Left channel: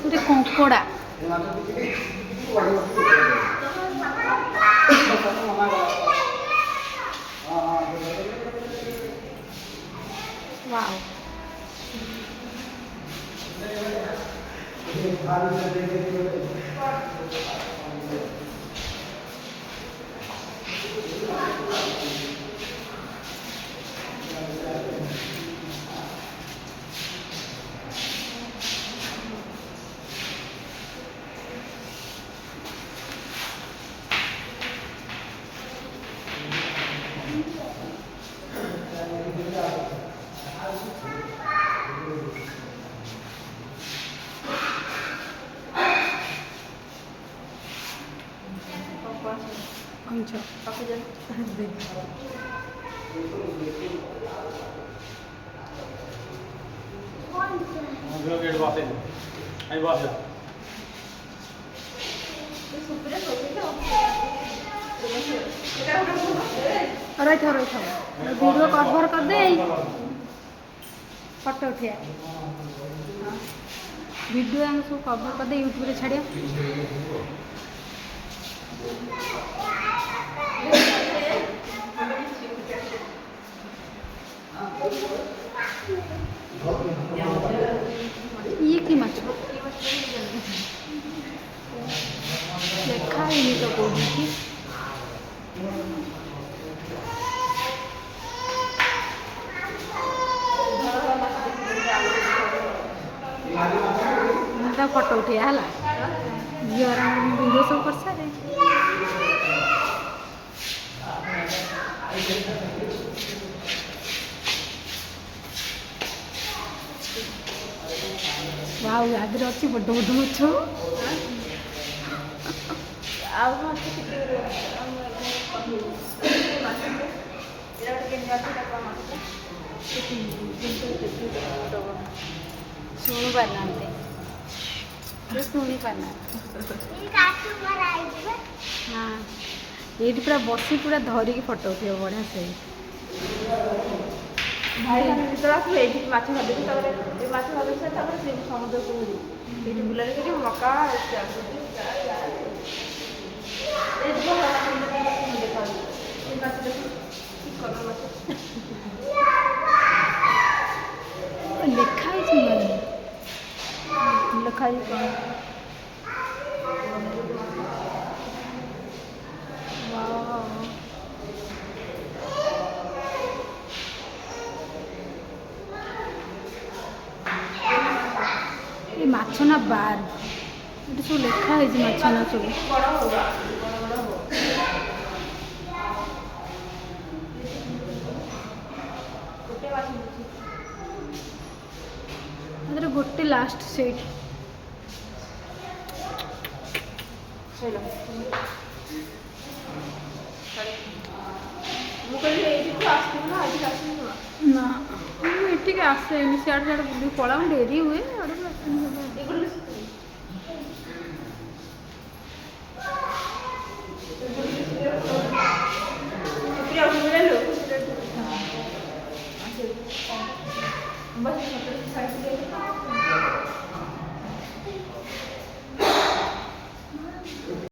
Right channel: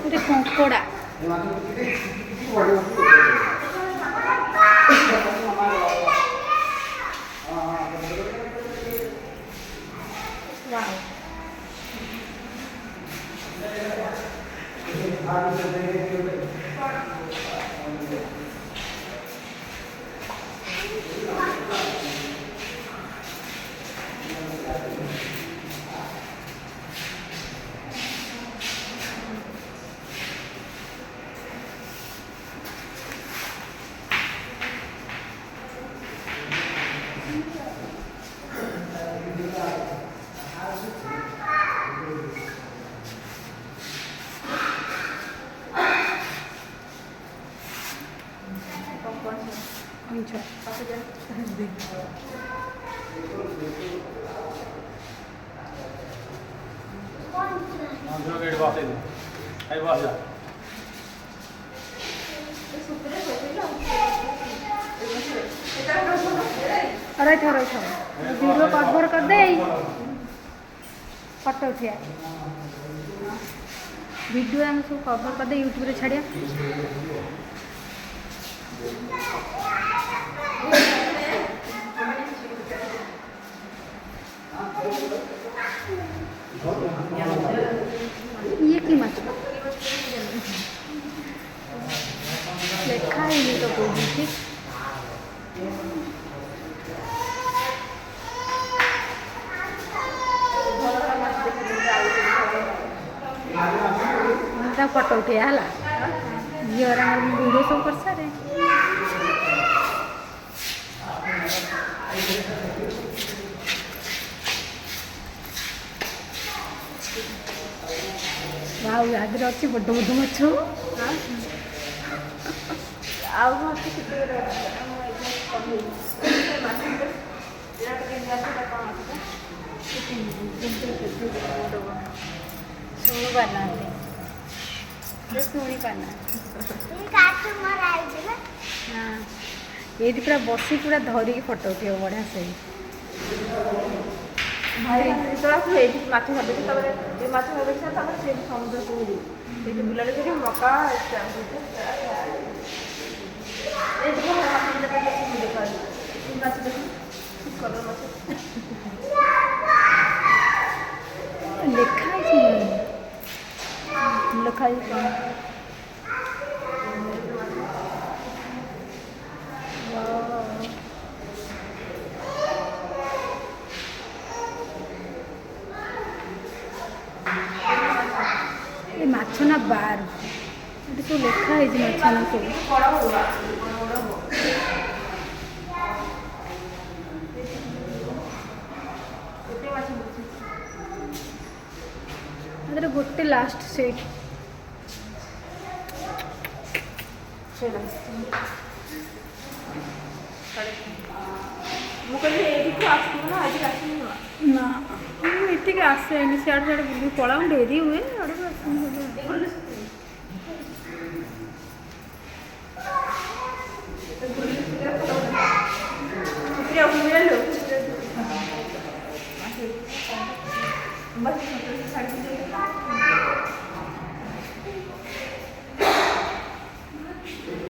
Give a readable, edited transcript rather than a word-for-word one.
ଗୋଟେ କଙ୍କଡ଼ା wow अच्छा रही था वीडियो कवर कर दे फोटो उठिया वीडियो आम सब कवर कर दे यूट्यूब रे छाड़िया ये की माछ लेखा ही तो कोई ठीक फोटो उठे है झीवर वीडियो सब कर सारे वाव आगे अच्छी बड़ बड़ माछ शुणी पारना शुणी पारना हाँ ये पूरा बसी पूरा धरिकी फोटो उठे बढ़िया से भाई जो ये माछ भाभी ये माछ भाभी से समुद्र को बुला मका लिखा लिखा माछ ना बार ये सब लिखाई माछ ना सब गोटे लास्ट सीट ना ये आसे सियाड़ सियाड़ बुल पड़ा डेरी हुए बस